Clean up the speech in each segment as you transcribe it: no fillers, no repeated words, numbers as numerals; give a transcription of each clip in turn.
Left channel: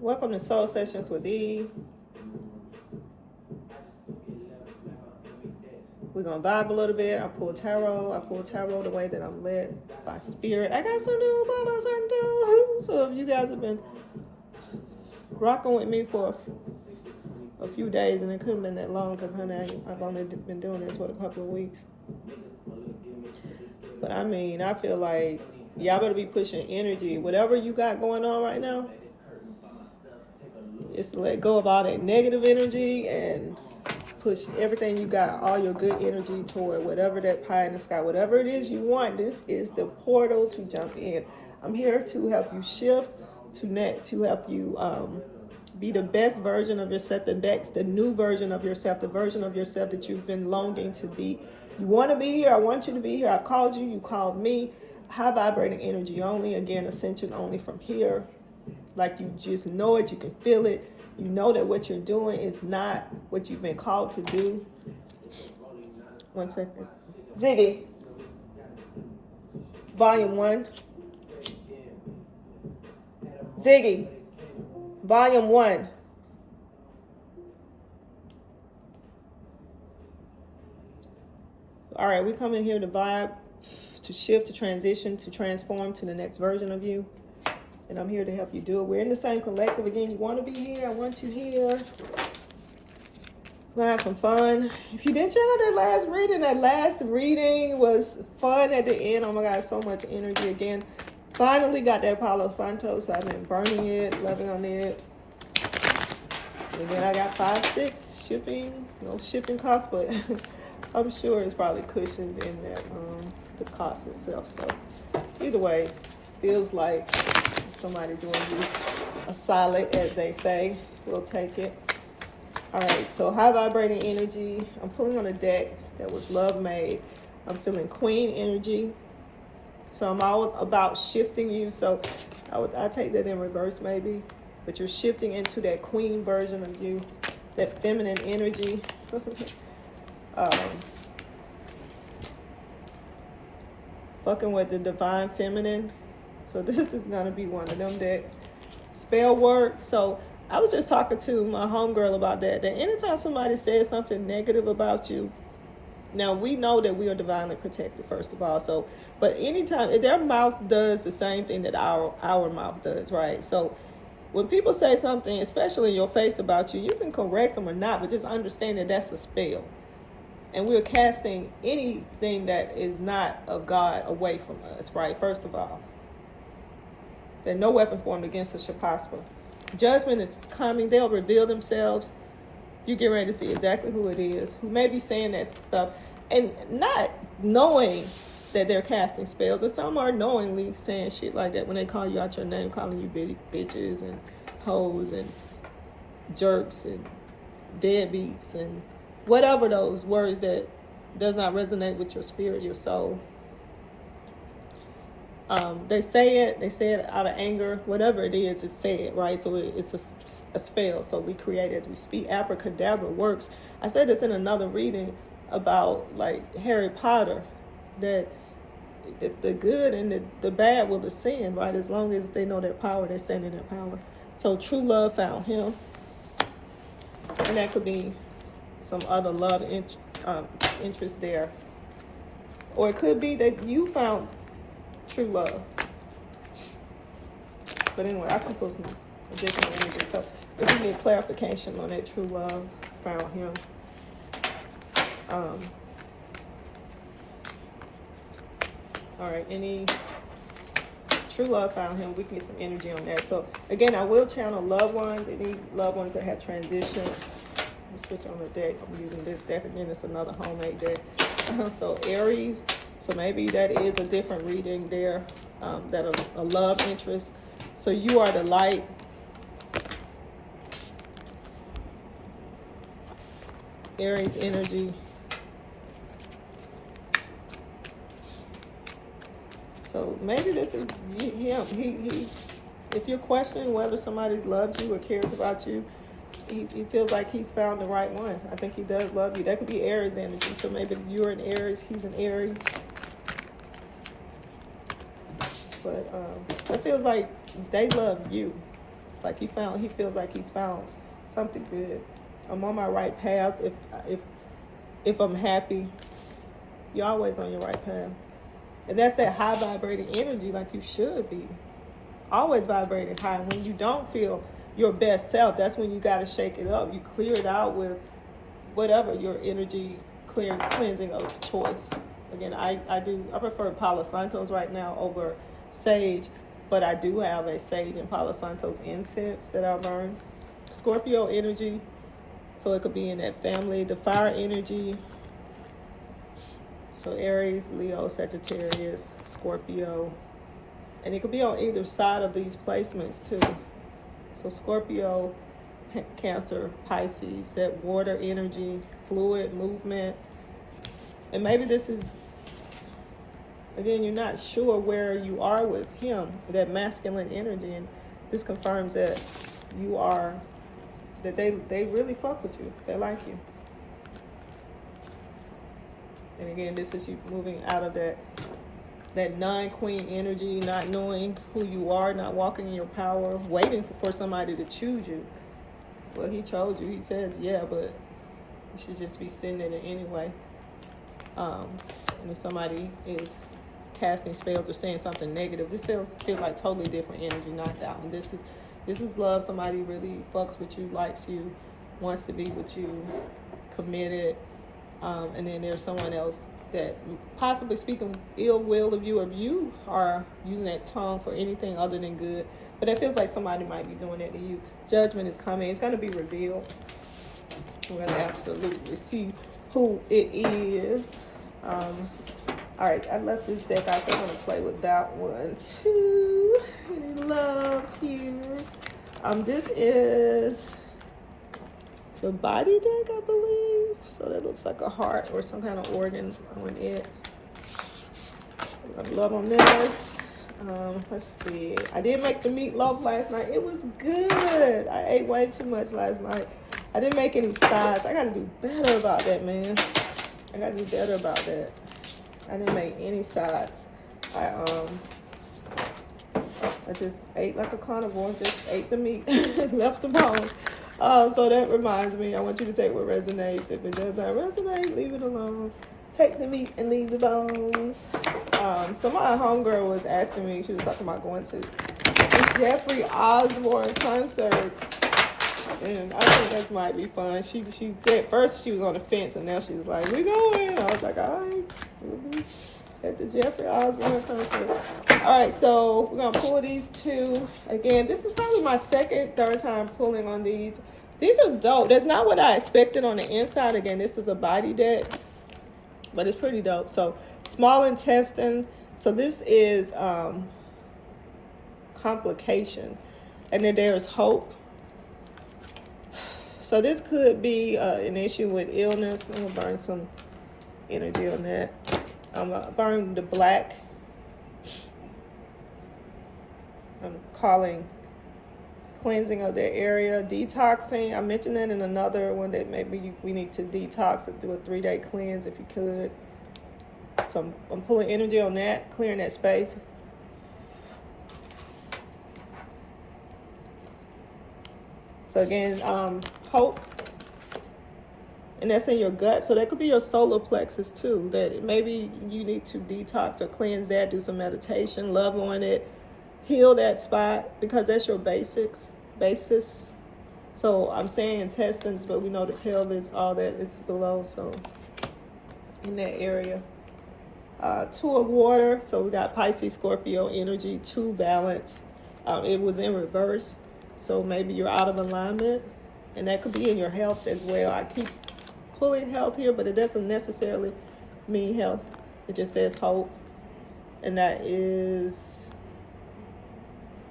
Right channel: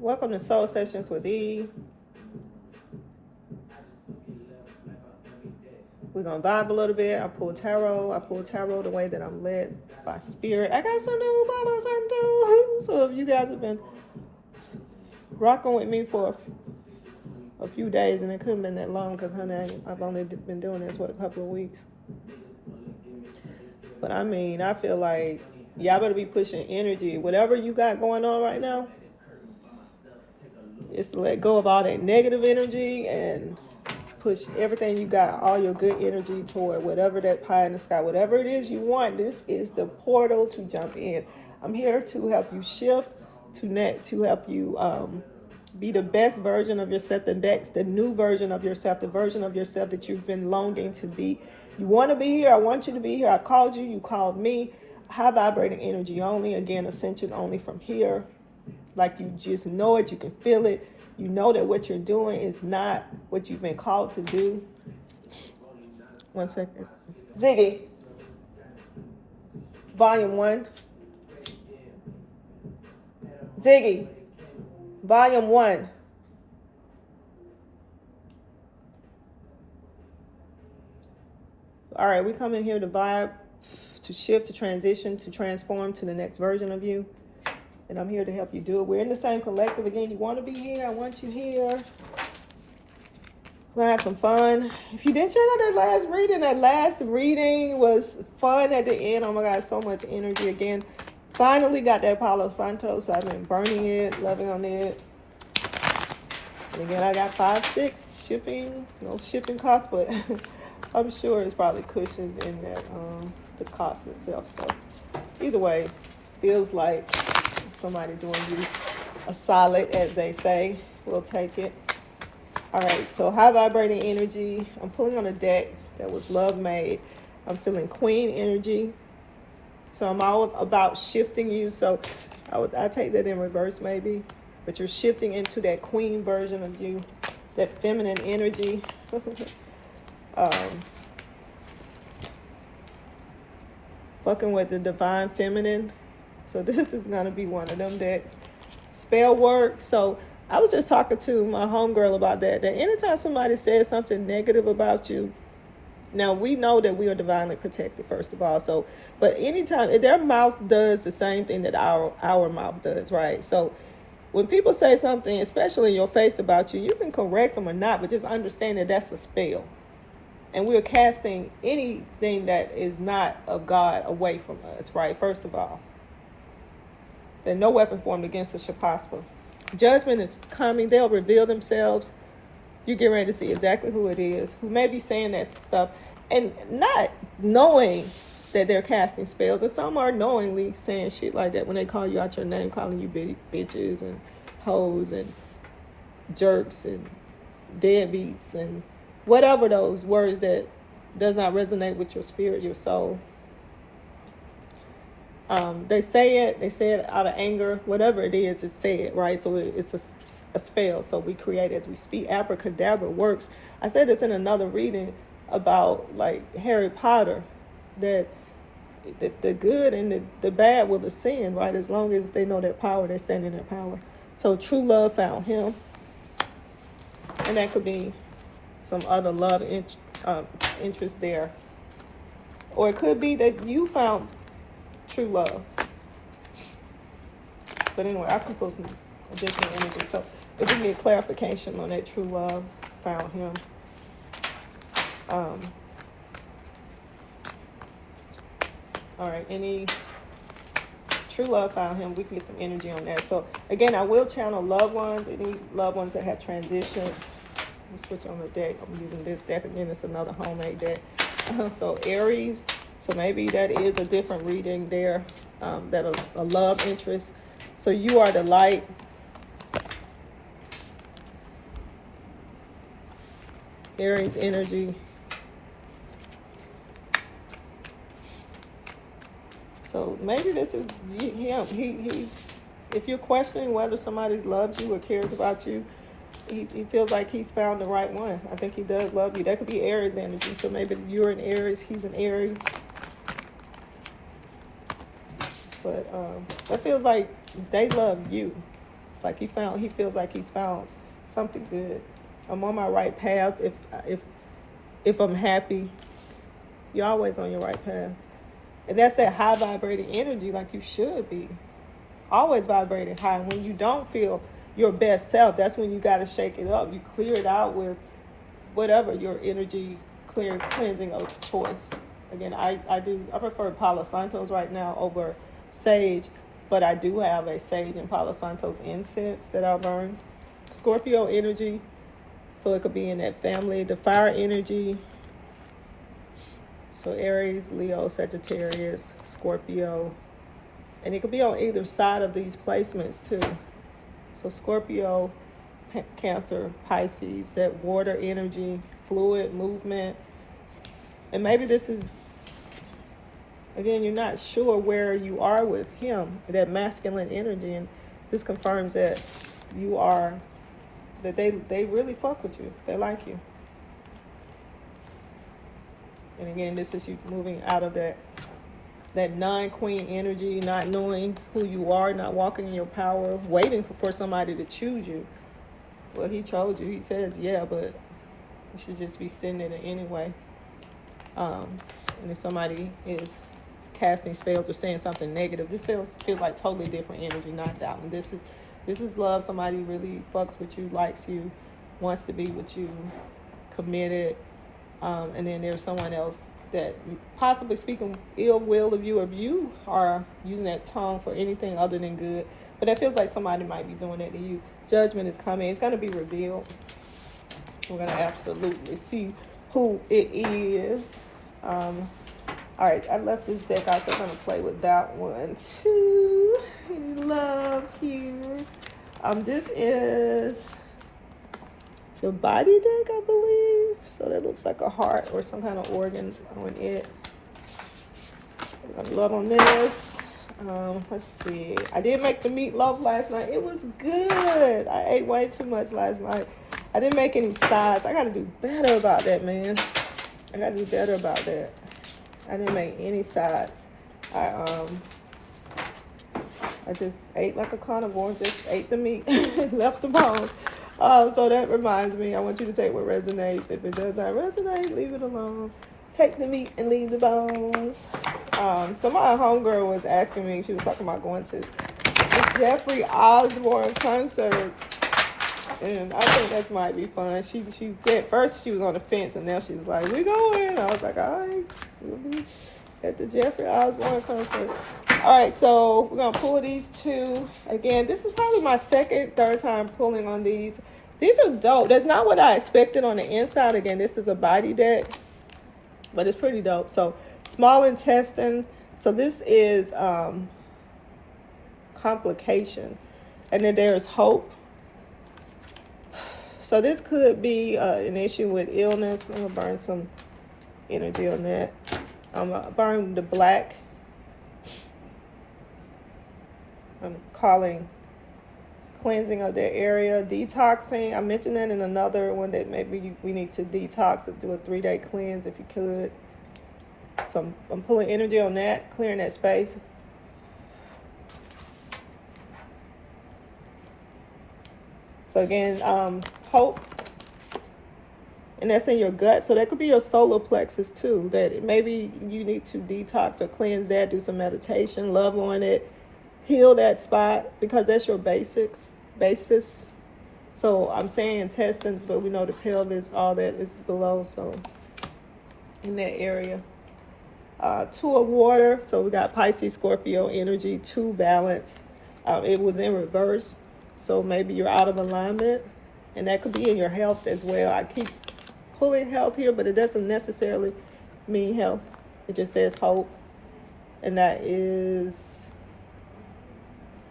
Welcome to Soul Sessions with E. We're going to vibe a little bit. I pull tarot. The way that I'm led by spirit. I got some new bottles I do. So if you guys have been rocking with me for a few days, and it couldn't have been that long because, honey, I've only been doing this, a couple of weeks. But I mean, I feel like y'all better be pushing energy. Whatever you got going on right now, is to let go of all that negative energy and push everything you got, all your good energy toward whatever that pie in the sky, whatever it is you want. This is the portal to jump in. I'm here to help you shift, to help you be the best version of yourself, the new version of yourself, the version of yourself that you've been longing to be. You want to be here. I want you to be here. I called you. You called me. High vibrating energy only. Again, ascension only from here. Like you just know it. You can feel it. You know that what you're doing is not what you've been called to do. 1 second. Ziggy. Volume 1. Ziggy. Volume 1. All right, we come in here to vibe, to shift, to transition, to transform to the next version of you. And I'm here to help you do it. We're in the same collective. Again, you want to be here. I want you here. We're going to have some fun. If you didn't check out that last reading was fun at the end. Oh my God, so much energy. Again, finally got that Palo Santo. So I've been burning it, loving on it. And then I got 5, 6 shipping. No shipping costs, but I'm sure it's probably cushioned in that, the cost itself. So either way, feels like somebody doing you a solid, as they say. We'll take it. All right, so high vibrating energy. I'm pulling on a deck that was love made. I'm feeling queen energy. So I'm all about shifting you. So I take that in reverse maybe. But you're shifting into that queen version of you, that feminine energy. Fucking with the divine feminine. So this is going to be one of them decks. Spell work. So I was just talking to my homegirl about that anytime somebody says something negative about you, now we know that we are divinely protected, first of all. So, but anytime, their mouth does the same thing that our mouth does, right? So when people say something, especially in your face about you, you can correct them or not, but just understand that that's a spell. And we're casting anything that is not of God away from us, right? First of all. That no weapon formed against us shall prosper. Judgment is coming. They'll reveal themselves. You get ready to see exactly who it is, who may be saying that stuff and not knowing that they're casting spells. And some are knowingly saying shit like that when they call you out your name, calling you bitches and hoes and jerks and deadbeats and whatever those words that does not resonate with your spirit, your soul. They say it out of anger, whatever it is, it's said, right? So it's a spell. So we create as we speak. Abracadabra works. I said this in another reading about like Harry Potter, that the good and the bad will descend, right? As long as they know their power, they stand in their power. So true love found him. And that could be some other love interest there. Or it could be that you found true love. But anyway, I can put some different energy. So if you need clarification on that true love, found him. All right, any true love found him. We can get some energy on that. So again, I will channel loved ones, any loved ones that have transitioned. Let me switch on the deck. I'm using this deck again. It's another homemade deck. So Aries. So maybe that is a different reading there, that a love interest. So you are the light. Aries energy. So maybe this is him. He if you're questioning whether somebody loves you or cares about you, he feels like he's found the right one. I think he does love you. That could be Aries energy. So maybe you're an Aries, he's an Aries. But it feels like they love you Like he feels like he's found something good. I'm on my right path. If I'm happy, you're always on your right path. And that's that high vibrating energy, like you should be. Always vibrating high. When you don't feel your best self, that's when you got to shake it up. You clear it out with whatever your energy cleansing of choice. Again, I prefer Palo Santos right now over sage, but I do have a sage and Palo Santos incense that I burn. Scorpio energy, so it could be in that family. The fire energy, so Aries, Leo, Sagittarius, Scorpio, and it could be on either side of these placements too. So Scorpio, Cancer, Pisces, that water energy, fluid movement. And maybe this is, again, you're not sure where you are with him, that masculine energy, and this confirms that you are, that they really fuck with you. They like you. And again, this is you moving out of that non-queen energy, not knowing who you are, not walking in your power, waiting for somebody to choose you. Well, he chose you. He says, yeah, but you should just be sitting in it anyway. And if somebody is casting spells or saying something negative, this feels like totally different energy, not that one. This is love. Somebody really fucks with you, likes you, wants to be with you, committed. And then there's someone else that possibly speaking ill will of you, or you are using that tongue for anything other than good. But it feels like somebody might be doing that to you. Judgment is coming. It's going to be revealed. We're going to absolutely see who it is. All right, I left this deck out, so I'm going to play with that one too. Any love here. This is the body deck, I believe. So that looks like a heart or some kind of organ on it. I'm gonna love on this. Let's see. I did make the meatloaf last night. It was good. I ate way too much last night. I didn't make any sides. I gotta do better about that, man. I gotta do better about that. I didn't make any sides. I just ate like a carnivore. Just ate the meat, left the bones. So that reminds me, I want you to take what resonates. If it does not resonate, leave it alone. Take the meat and leave the bones. So my homegirl was asking me, she was talking about going to the Jeffrey Osborne concert. And I think that might be fun. She said first she was on the fence, and now she was like, we going. I was like, all right, we'll be at the Jeffrey Osborne concert. All right, so we're going to pull these two. Again, this is probably my third time pulling on these. These are dope. That's not what I expected on the inside. Again, this is a body deck, but it's pretty dope. So small intestine. So this is complication. And then there's hope. So this could be an issue with illness. I'm going to burn some energy on that. I'm going to burn the black. I'm calling cleansing of that area, detoxing. I mentioned that in another one that maybe we need to detox or do a 3-day cleanse if you could. So I'm pulling energy on that, clearing that space. So again, hope, and that's in your gut. So that could be your solar plexus too, that maybe you need to detox or cleanse that, do some meditation, love on it, heal that spot, because that's your basis. So I'm saying intestines, but we know the pelvis, all that is below. So in that area, 2 of water. So we got Pisces, Scorpio energy, 2 balance. It was in reverse. So maybe you're out of alignment, and that could be in your health as well. I keep pulling health here, but it doesn't necessarily mean health. It just says hope, and that is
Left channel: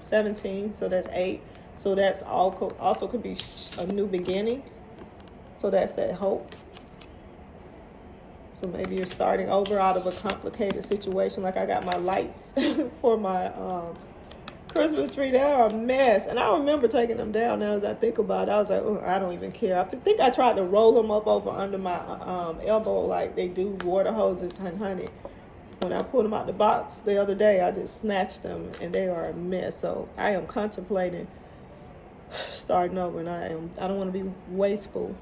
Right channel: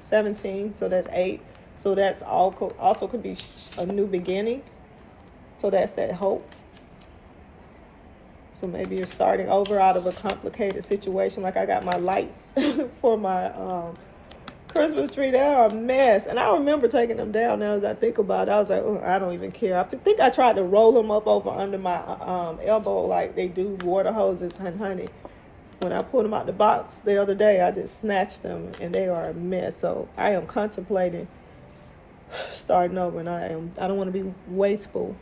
17, so that's 8. So that's also could be a new beginning. So that's that hope. So maybe you're starting over out of a complicated situation. Like I got my lights for my Christmas tree. They are a mess. And I remember taking them down now as I think about it. I was like, oh, I don't even care. I think I tried to roll them up over under my elbow like they do water hoses. And honey, when I pulled them out the box the other day, I just snatched them and they are a mess. So I am contemplating starting over, and I don't want to be wasteful.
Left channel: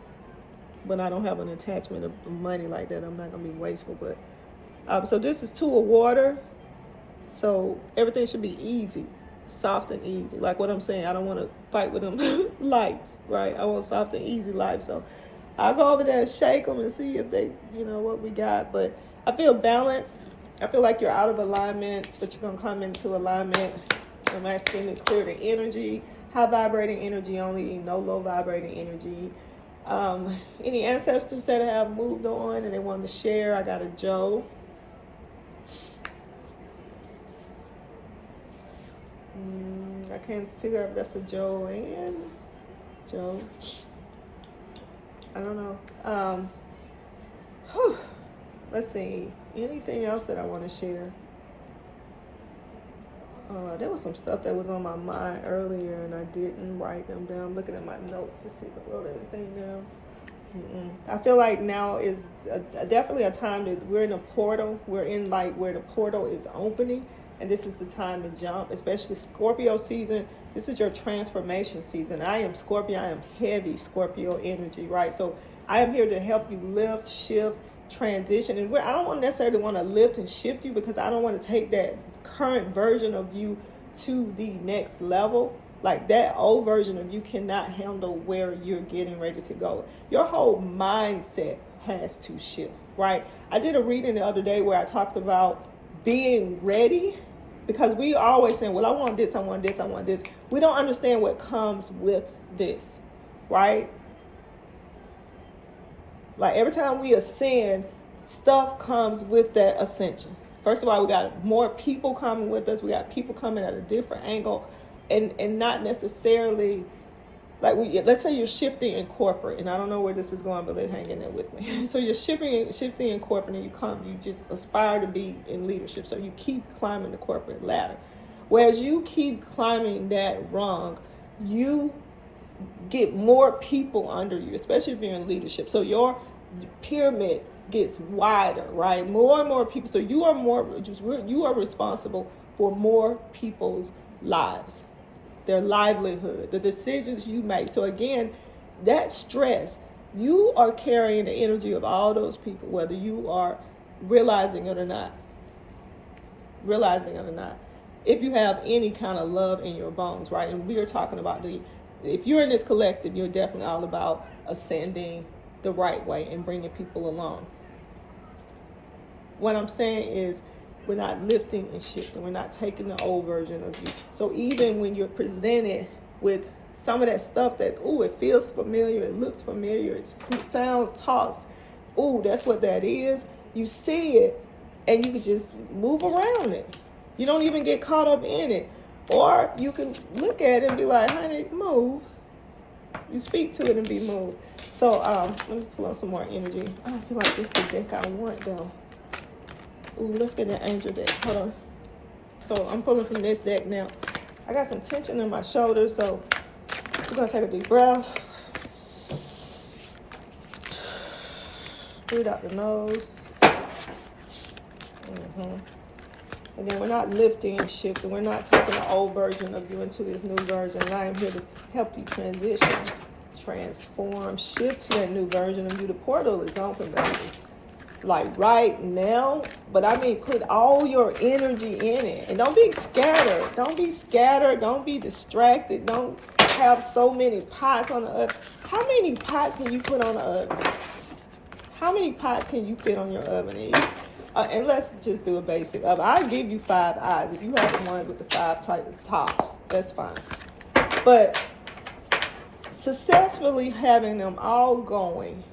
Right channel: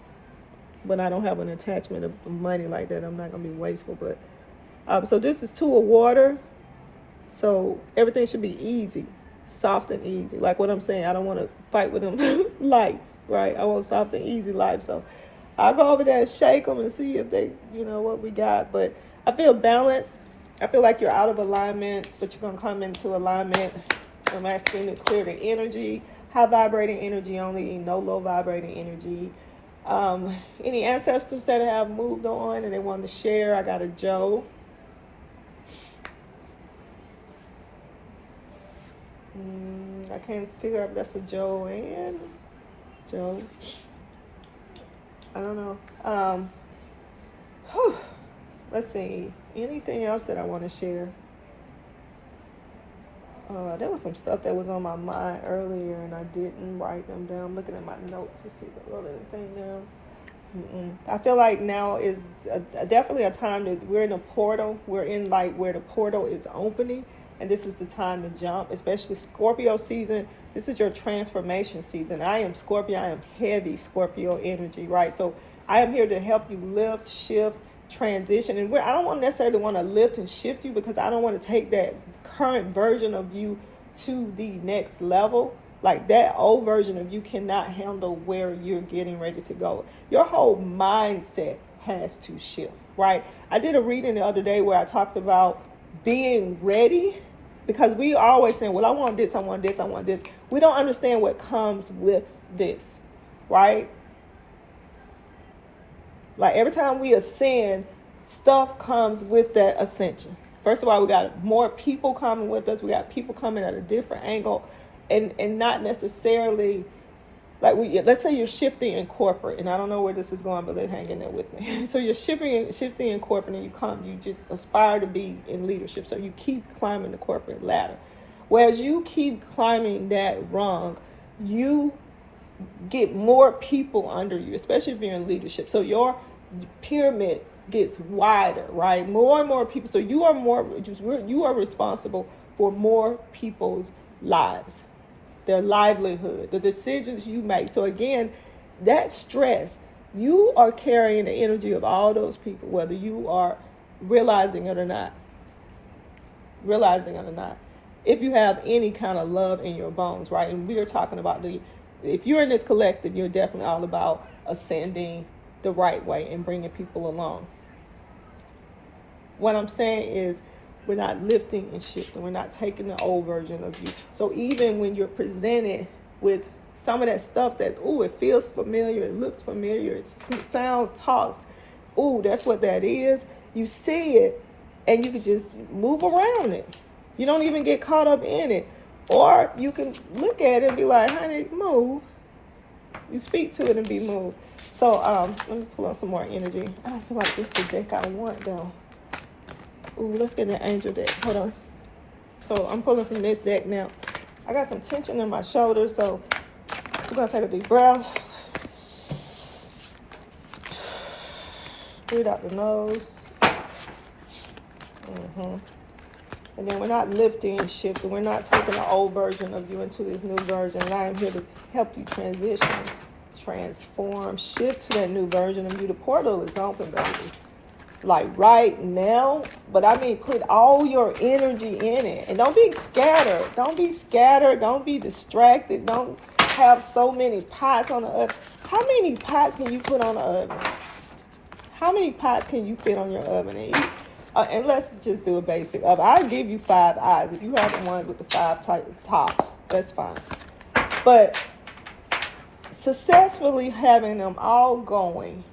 When I don't have an attachment of money like that, I'm not gonna be wasteful. But so this is 2 of water. So everything should be easy, soft and easy. Like what I'm saying, I don't want to fight with them lights, right? I want soft and easy life. So I'll go over there and shake them and see if they, what we got. But I feel balanced. I feel like you're out of alignment, but you're going to come into alignment. I'm asking to clear the energy, high vibrating energy only, no low vibrating energy. Any ancestors that have moved on and they want to share, I got a Joe. I can't figure out if that's a Joanne. Joe. I don't know. Let's see. Anything else that I want to share? There was some stuff that was on my mind earlier and I didn't write them down. I'm looking at my notes to see if I wrote anything down. I feel like now is definitely a time that we're in a portal. We're in like where the portal is opening. And this is the time to jump, especially Scorpio season. This is your transformation season. I am Scorpio. I am heavy Scorpio energy, right? So I am here to help you lift, shift, transition. And I don't necessarily want to lift and shift you because I don't want to take that current version of you to the next level. Like that old version of you cannot handle where you're getting ready to go. Your whole mindset has to shift, right? I did a reading the other day where I talked about being ready, because we always say, well, I want this, I want this, I want this. We don't understand what comes with this, right? Like every time we ascend, stuff comes with that ascension. First of all, we got more people coming with us. We got people coming at a different angle and not necessarily like let's say you're shifting in corporate, and I don't know where this is going, but let's hang in there with me. So you're shifting in corporate, and you just aspire to be in leadership. So you keep climbing the corporate ladder. Whereas you keep climbing that rung, you get more people under you, especially if you're in leadership. So your pyramid gets wider, right? More and more people. So you are responsible for more people's lives, their livelihood, the decisions you make. So again, that stress, you are carrying the energy of all those people, whether you are realizing it or not. If you have any kind of love in your bones, right? And we are talking about if you're in this collective, you're definitely all about ascending the right way and bringing people along. What I'm saying is, we're not lifting and shifting. We're not taking the old version of you. So even when you're presented with some of that stuff that, it feels familiar, it looks familiar, it sounds tossed. That's what that is. You see it, and you can just move around it. You don't even get caught up in it. Or you can look at it and be like, honey, move. You speak to it and be moved. So let me pull out some more energy. I feel like this is the deck I want, though. Let's get the angel deck. Hold on. So I'm pulling from this deck now. I got some tension in my shoulders, so we're going to take a deep breath. Breathe out the nose. And then we're not lifting and shifting. We're not taking the old version of you into this new version. And I am here to help you transition, transform, shift to that new version of you. The portal is open, baby. Like right now, but I mean, put all your energy in it, and don't be scattered. Don't be distracted. Don't have so many pots on the oven. How many pots can you put on the oven? How many pots can you fit on your oven? And let's just do a basic oven. I'll give you 5 eyes. If you have the one with the 5 type tops, that's fine. But successfully having them all going,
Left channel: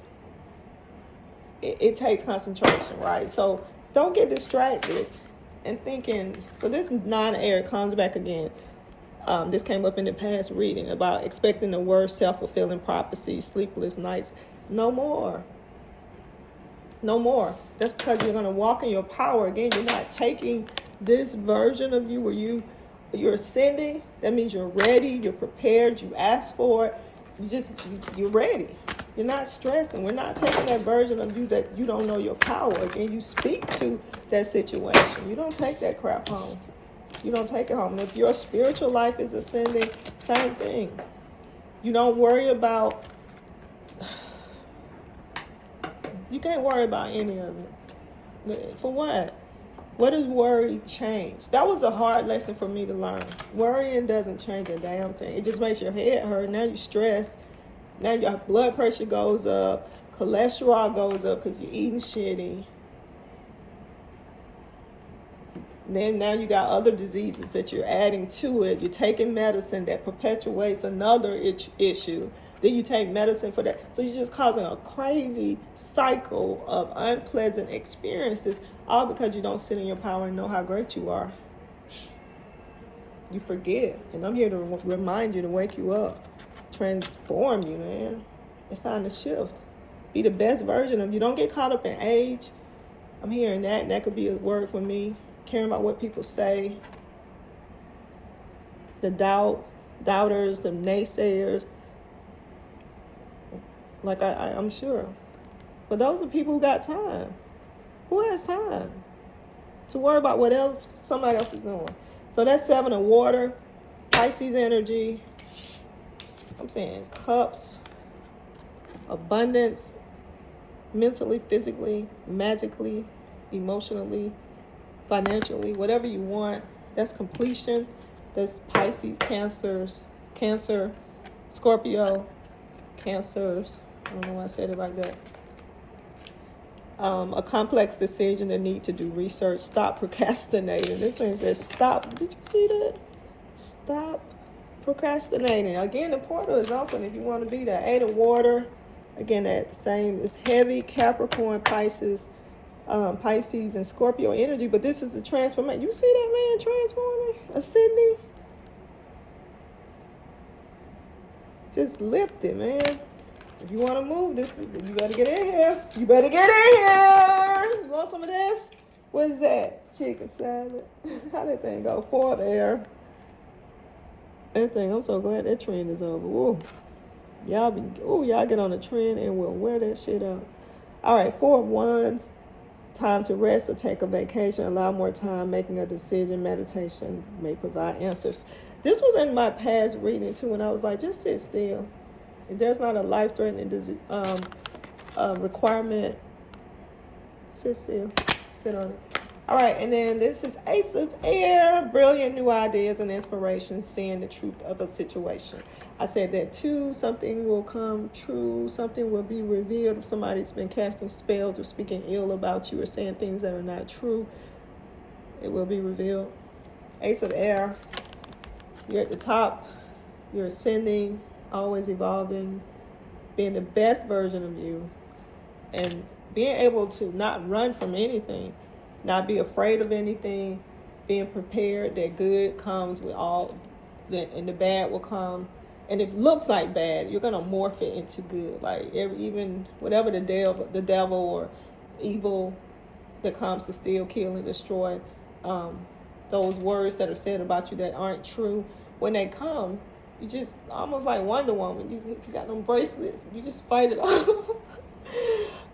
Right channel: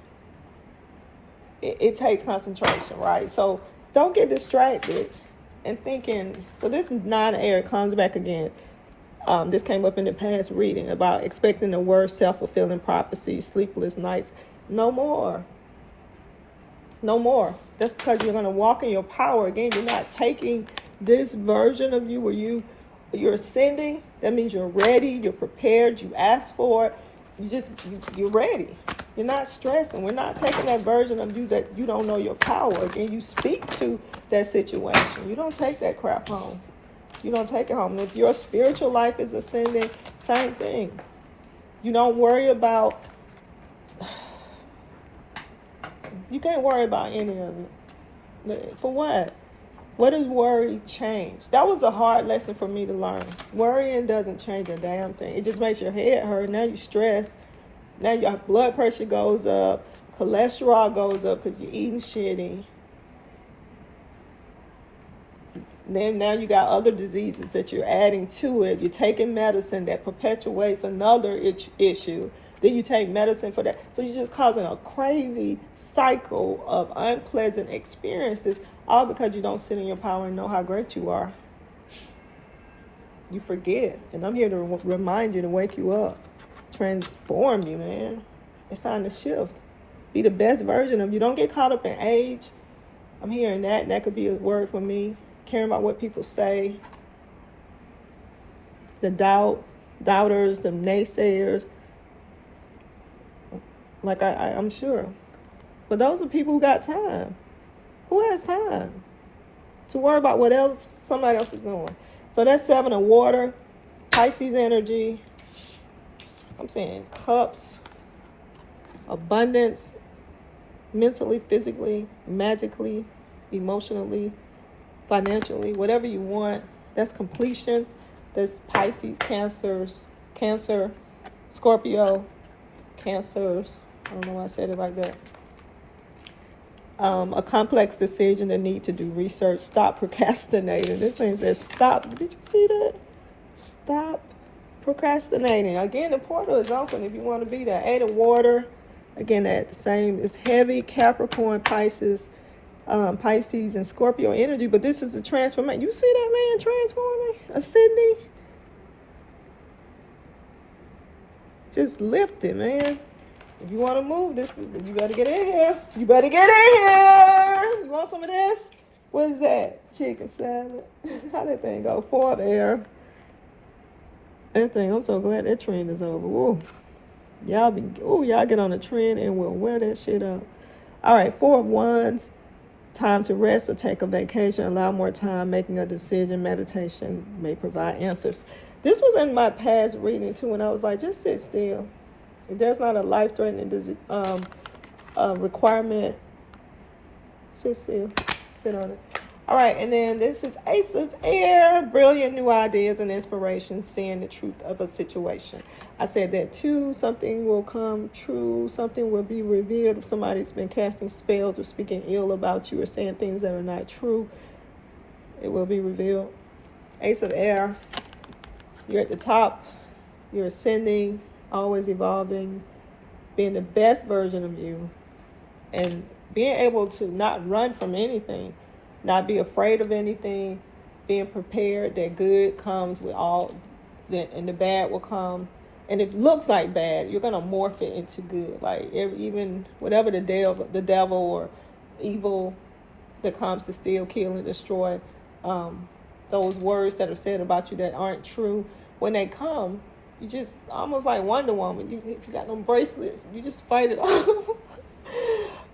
it takes concentration, right? So don't get distracted and thinking. So this 9 air comes back again. This came up in the past reading about expecting the worst, self-fulfilling prophecy, sleepless nights. No more. That's because you're going to walk in your power. Again, you're not taking this version of you where you're ascending. That means you're ready, you're prepared, you asked for it. You're ready. You're not stressing. We're not taking that version of you that you don't know your power. Again, you speak to that situation. You don't take that crap home. You don't take it home. And if your spiritual life is ascending, same thing. You don't worry about, you can't worry about any of it. For what? What does worry change? That was a hard lesson for me to learn. Worrying doesn't change a damn thing. It just makes your head hurt. Now you're stressed. Now your blood pressure goes up. Cholesterol goes up because you're eating shitty. Then now you got other diseases that you're adding to it. You're taking medicine that perpetuates another issue. Then you take medicine for that. So you're just causing a crazy cycle of unpleasant experiences, all because you don't sit in your power and know how great you are. You forget. And I'm here to remind you, to wake you up, transform you, man. It's time to shift. Be the best version of you. Don't get caught up in age. I'm hearing that, and that could be a word for me. Caring about what people say. The doubters, the naysayers. Like I'm sure. But those are people who got time. Who has time to worry about whatever somebody else is doing? So that's 7 of water, Pisces energy. I'm saying cups, abundance, mentally, physically, magically, emotionally, financially, whatever you want. That's completion. That's Pisces, Cancer, Scorpio, Cancers. I don't know why I said it like that. A complex decision, the need to do research. Stop procrastinating. This thing says stop. Did you see that? Stop procrastinating. Again, the portal is open if you want to be there. 8 of water. Again, at the same. It's heavy. Capricorn, Pisces, Pisces, and Scorpio energy. But this is a transformation. You see that man transforming? A Sydney? Just lift it, man. If you want to move this, you better get in here. You better get in here. You want some of this? What is that? Chicken salad. How that thing go? 4 of air. That thing, I'm so glad that trend is over. Woo. Y'all get on a trend and we'll wear that shit up. All right, 4 of wands. Time to rest or take a vacation. Allow more time making a decision. Meditation may provide answers. This was in my past reading too, and I was like, just sit still. If there's not a life-threatening requirement, sit still. Sit on it. All right, and then this is Ace of Air. Brilliant new ideas and inspiration, seeing the truth of a situation. I said that too. Something will come true. Something will be revealed. If somebody's been casting spells or speaking ill about you or saying things that are not true, it will be revealed. Ace of Air. You're at the top. You're ascending, always evolving, being the best version of you, and being able to not run from anything, not be afraid of anything, being prepared that good comes with all that, and the bad will come. And if it looks like bad, you're gonna morph it into good. Like even whatever the devil or evil that comes to steal, kill, and destroy, those words that are said about you that aren't true, when they come, you just almost like Wonder Woman. You got them bracelets. You just fight it off.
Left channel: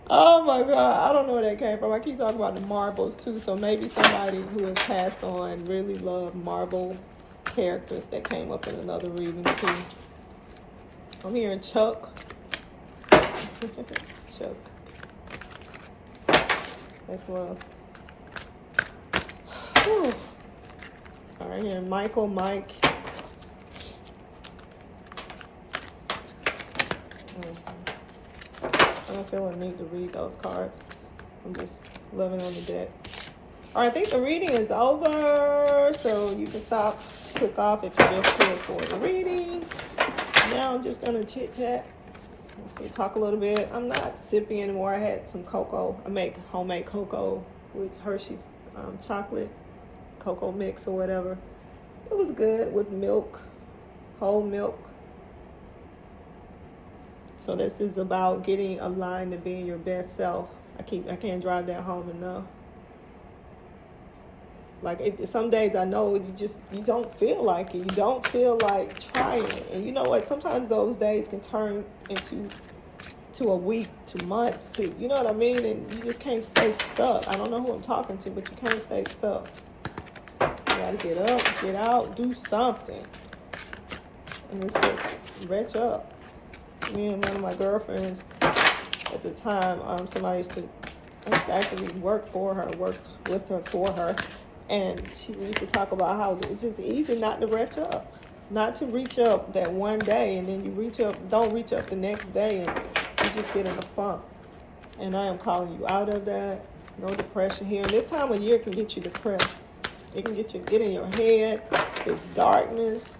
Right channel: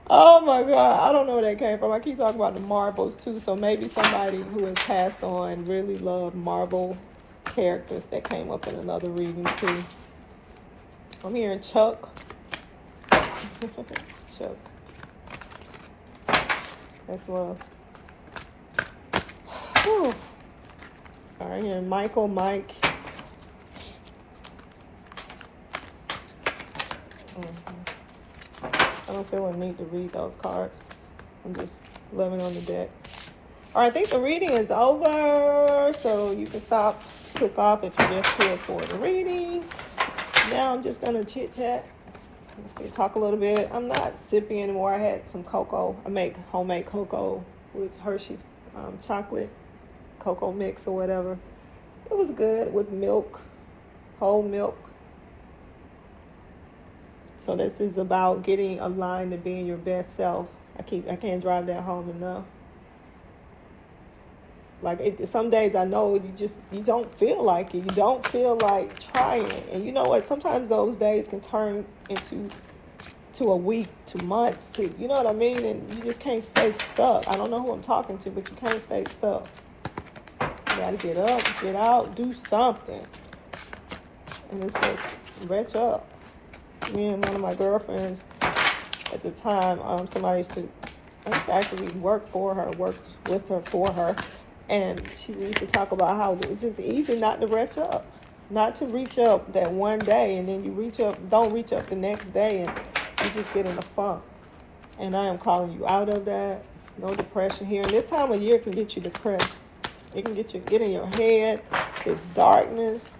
Oh my God, I don't know where that came from. I keep talking about the marbles too, so maybe somebody who has passed on really loved Marvel characters that came up in another reading too. I'm hearing Chuck. Chuck. That's love. Whew. All right, here Michael, Mike. I don't feel a need to read those cards. I'm just loving on the deck. All right, I think the reading is over, so you can stop, click off if you just here for the reading. Now I'm just gonna chit chat. Let's see, talk a little bit. I'm not sipping anymore. I had some cocoa. I make homemade cocoa with Hershey's chocolate cocoa mix or whatever. It was good with milk, whole milk. So this is about getting aligned to being your best self. I can't drive that home enough. Like some days I know you don't feel like it. You don't feel like trying it. And you know what? Sometimes those days can turn into a week, to months, to, you know what I mean? And you just can't stay stuck. I don't know who I'm talking to, but you can't stay stuck. You gotta get up, get out, do something. And it's just retch up. Me and one of my girlfriends at the time, somebody used to actually work for her, worked with her for her. And she used to talk about how it's just easy not to retch up. Not to reach up that one day and then you don't reach up the next day and you just get in a funk. And I am calling you out of that. No depression here. And this time of year can get you depressed. It can get in your head. It's darkness.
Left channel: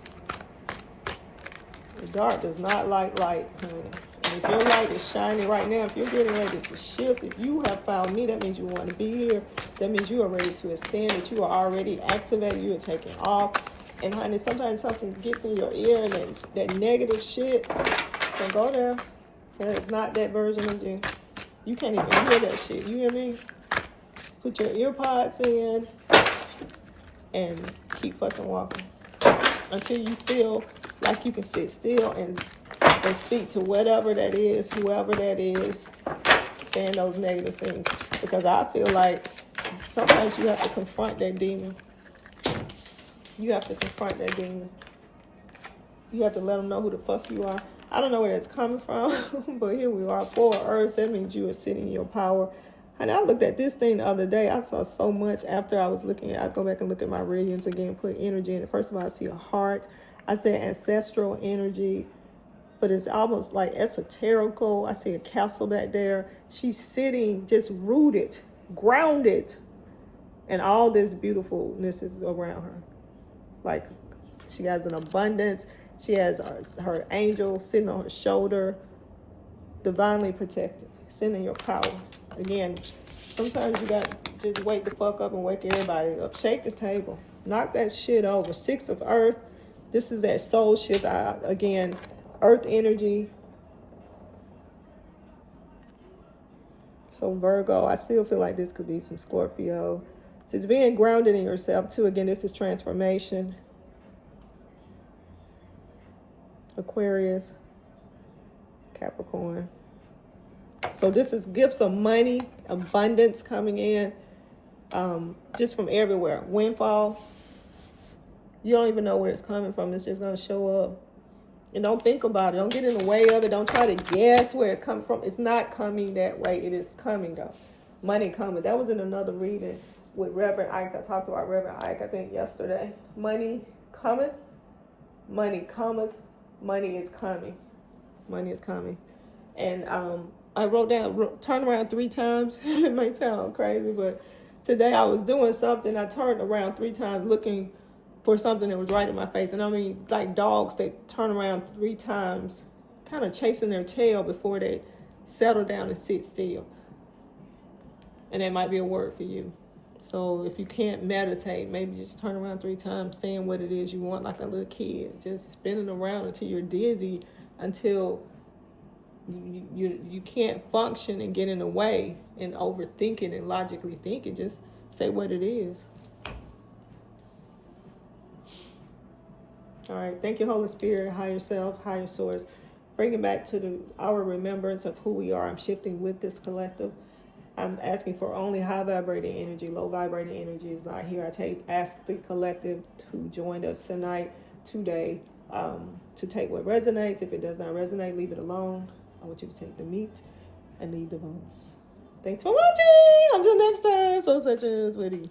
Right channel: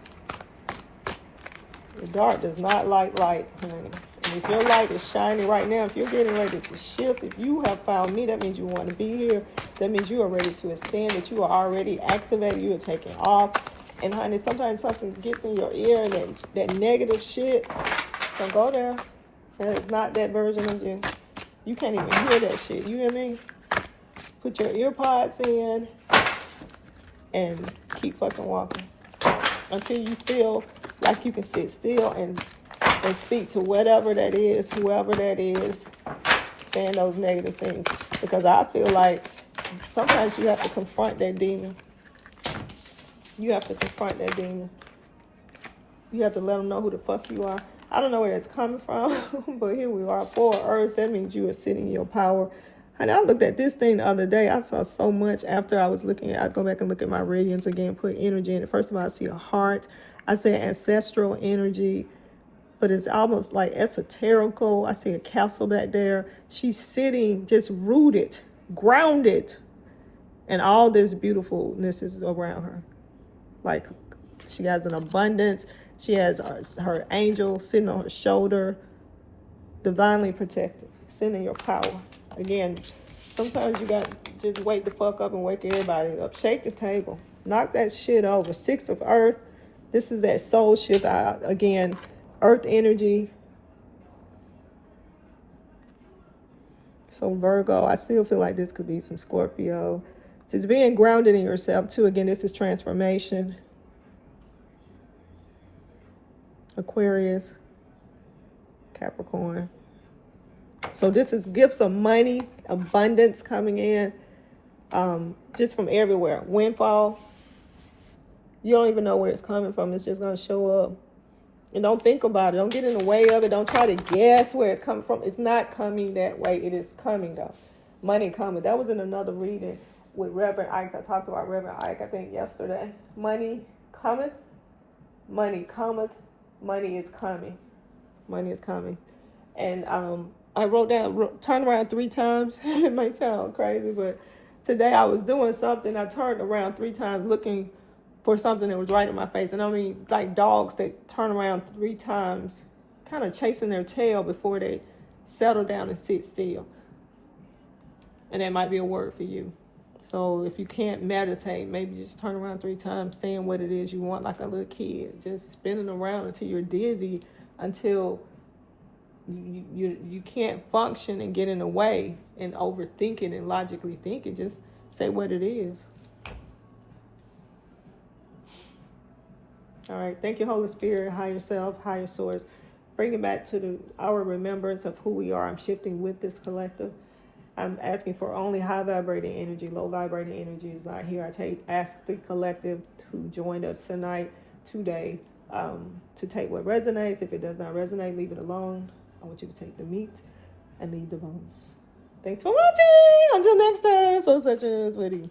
The dark does not like light, honey. And if your light is shining right now, if you're getting ready to shift, if you have found me, that means you want to be here. That means you are ready to ascend, that you are already activated, you are taking off. And honey, sometimes something gets in your ear and that negative shit, don't go there. That is not that version of you. You can't even hear that shit. You hear me? Put your ear pods in and keep fucking walking until you feel like you can sit still and speak to whatever that is, whoever that is, saying those negative things. Because I feel like sometimes you have to confront that demon. You have to confront that demon. You have to let them know who the fuck you are. I don't know where that's coming from, but here we are, for Earth. That means you are sitting in your power. And I looked at this thing the other day. I saw so much after I was looking at, I go back and look at my radiance again, put energy in it. First of all, I see a heart. I say ancestral energy, but it's almost like esoterical. I see a castle back there. She's sitting just rooted, grounded, and all this beautifulness is around her. Like she has an abundance. She has her angel sitting on her shoulder, divinely protected, sitting in your power. Again, sometimes you got to just wake the fuck up and wake everybody up. Shake the table. Knock that shit over. 6 of Earth. This is that soul shift. Again, Earth energy. So Virgo, I still feel like this could be some Scorpio. Just being grounded in yourself too. Again, this is transformation. Aquarius, Capricorn. So this is gifts of money, abundance coming in, just from everywhere. Windfall. You don't even know where it's coming from. It's just going to show up. And don't think about it. Don't get in the way of it. Don't try to guess where it's coming from. It's not coming that way. It is coming, though. Money coming. That was in another reading with Reverend Ike. I talked about Reverend Ike, I think, yesterday. Money cometh. Money cometh. Money is coming. Money is coming. And I wrote down, turn around 3 times. It might sound crazy, but today I was doing something. I turned around 3 times looking for something that was right in my face. And I mean, like dogs that turn around 3 times, kind of chasing their tail before they settle down and sit still. And that might be a word for you. So if you can't meditate, maybe just turn around 3 times, saying what it is you want like a little kid. Just spinning around until you're dizzy, until you can't function and get in the way and overthinking and logically thinking. Just say what it is. All right. Thank you, Holy Spirit, higher self, higher source. Bring it back to our remembrance of who we are. I'm shifting with this collective. I'm asking for only high vibrating energy. Low vibrating energy is not here. Ask the collective who joined us tonight, today, to take what resonates. If it does not resonate, leave it alone. I want you to take the meat and leave the bones. Thanks for watching. Until next time, Soul Sessions with you.